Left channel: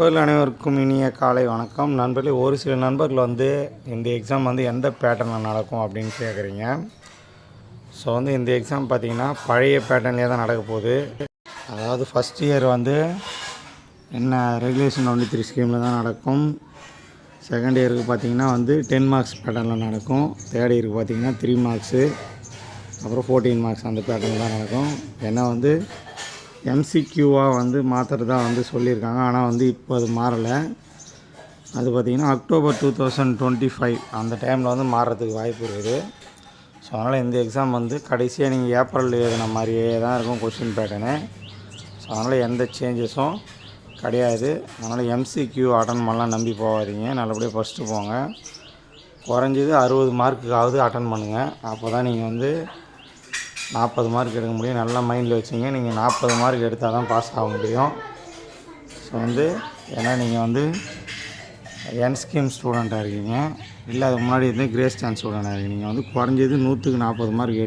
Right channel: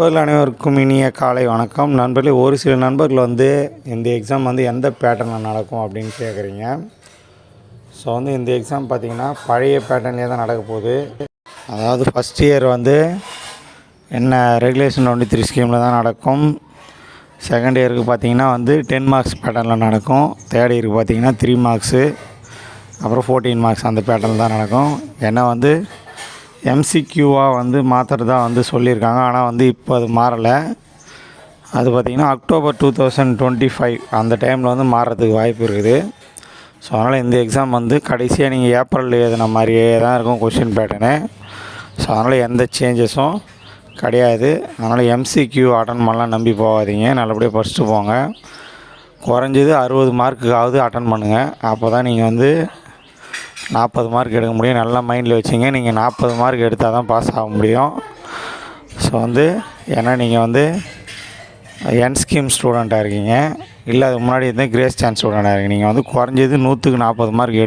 நண்பர்கள் அனைவருக்கும் இனிய காலை வணக்கம். நண்பர்களே, ஒரு சில நண்பர்கள் இந்த எக்ஸாம் எந்த பேட்டர்னில் நடக்கும் அப்படின்னு கேட்குறீங்க. ஸோ இந்த எக்ஸாம் பார்த்திங்கன்னா பழைய பேட்டர்ன்லேயே தான் நடக்க போகுது. அதாவது ஃபஸ்ட் இயர் என்ன ரெகுலேஷன் 23 ஸ்கீமில் தான் நடக்கும். செகண்ட் இயருக்கு பார்த்திங்கன்னா 10 மார்க்ஸ் பேட்டர்னில் நடக்கும். தேர்ட் இயருக்கு பார்த்திங்கன்னா 3 மார்க்ஸு, அப்புறம் 14 மார்க்ஸ் அந்த பேட்டர்ன் தான் நடக்கும். ஏன்னா எம்சிக்யூவாக மாற்றுறதா சொல்லியிருக்காங்க. ஆனால் இப்போ அது மாறலை. அது பார்த்திங்கன்னா அக்டோபர் 2025 அந்த டைமில் மாறுறதுக்கு வாய்ப்பு இருக்குது. ஸோ அதனால் இந்த எக்ஸாம் கடைசியாக நீங்கள் ஏப்ரலில் எழுதின மாதிரியே தான் இருக்கும் கொஷின் பேட்டர்னு. ஸோ அதனால் எந்த சேஞ்சஸும் கிடையாது. அதனால் எம்சிக்யூ அட்டன் பண்ணலாம் நம்பி போகாதீங்க. நல்லபடியாக படிச்சுட்டு போங்க. குறைஞ்சது 60 மார்க்குக்காவது அட்டன் பண்ணுங்கள். அப்போ தான் நீங்கள் 40 மார்க் எடுக்க முடியும். நல்லா மைண்டில் வச்சிங்க. நீங்கள் 40 மார்க் எடுத்தால் தான் பாஸ் ஆக முடியும். ஸோ ஏன்னா நீங்கள் என் ஸ்கீம் ஸ்டூடெண்ட்டாக இருக்கீங்க, இல்லை அதுக்கு முன்னாடி கிரேஸ் சான்ஸ் ஸ்டூடெண்ட்டாக இருக்கீங்க. நீங்கள் குறைஞ்சது 100க்கு 40 மார்க்